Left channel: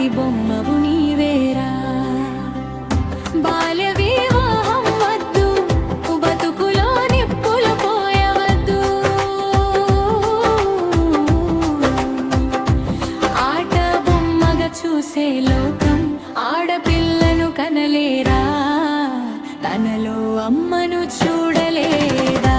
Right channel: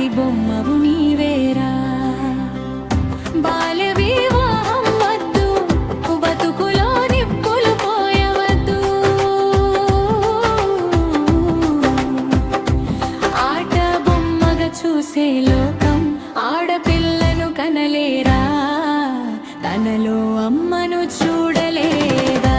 రాతి బొమ్మవు నీవేరా. బాల్య వివాహం వద్దు, బతుకులో నిప్పులు పోయవద్దు. ఆట బొమ్మగా చూసే లోకం ఆడపిల్లను కనలేరా, తనలో అమ్మను చూడలేదా.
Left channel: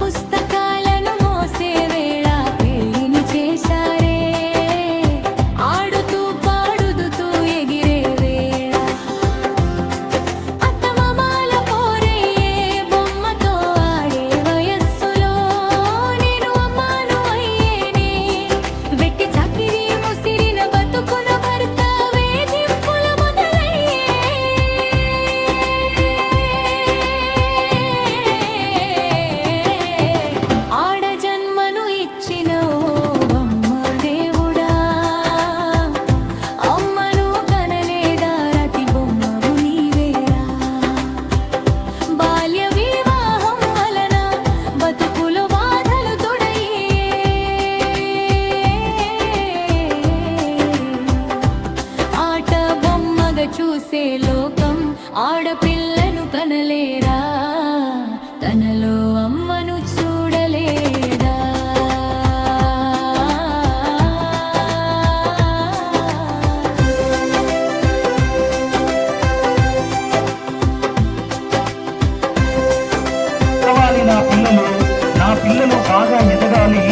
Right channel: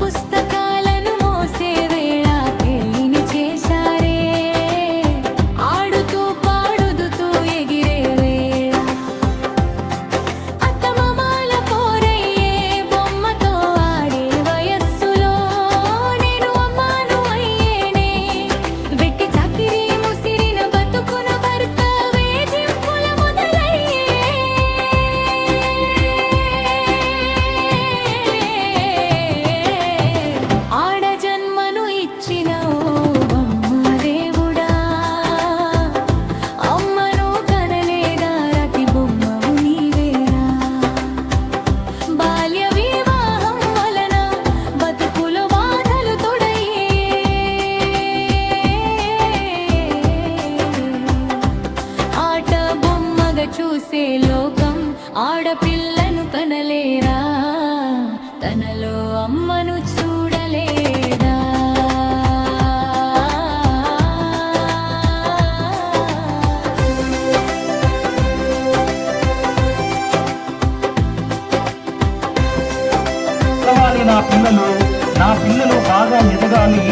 పుస్తకాలను మోసే వేళ పెళ్లిని చేశారే, ఆడుతూ పాడుతూ ఎగిరే వేళ. అత్తమామల పోరయ్యే బొమ్మతో ఆడే వయస్సులో నేను అమ్మాను అయ్యేనే. వెట్టి చాకిరి ముసిరిన బతుకున భర్త వేధింపుల మొదలయ్యే. ఆడ జన్మను ఇచ్చిన ఓ బొమ్మ దేవుడా, అమ్మను కనలేదా రాతి బొమ్మవు నీవేరా. బాల్య వివాహం వలన బతుకులో బాధలు తొడయ్యే. ఆట బొమ్మగా చూసే లోకం ఆడపిల్లను కనలేరా, తనలో అమ్మను చూడలేదా. నా పిల్లలు బాగా ఎదగాలి,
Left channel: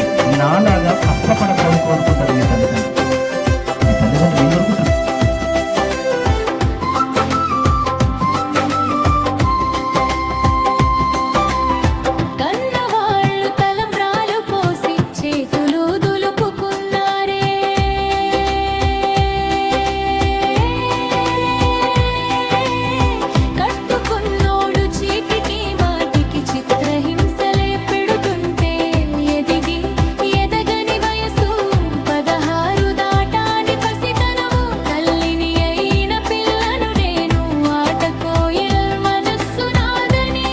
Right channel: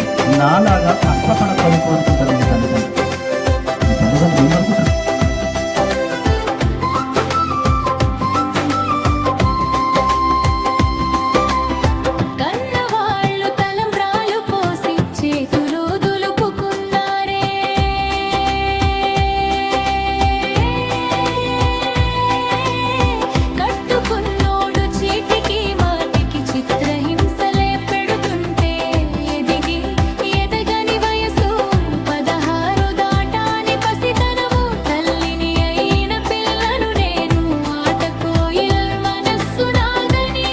నాలాగా కష్టపడతాను కోరుకుంటారు మీ తల్లిదండ్రులు. మీ తల్లిదండ్రులు ఏమనుకుంటారు? కన్నవాళ్ళు తలంబ్రాలు పోసి చేతులు దులుపుకున్నారే. కట్టుకున్నోడు చీటికి మాటికి చిత్రహింసలే పెడుతుంటే ఎదిగి ఎదగని వయసు 16 దాటాని పసితనము. తల్లిని అయిన పిల్లను నేను ఆటకోయిల్ మనస్సు నాదని.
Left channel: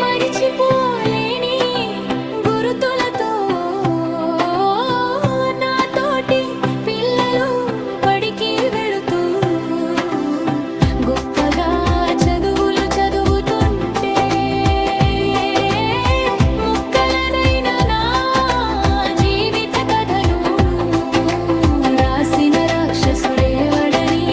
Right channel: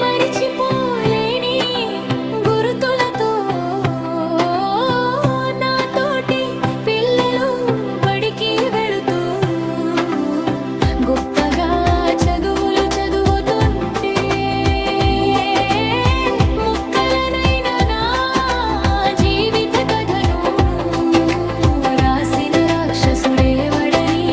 మరిచిపోలేని గురుతులతో నాతోటి పిల్లలు బడికి వెళుతూ గొప్పగా చదువులు చదువుతుంటే, ముక్కలనైన నా జీవిత కథను రాసిన రాక్షసుడేవడని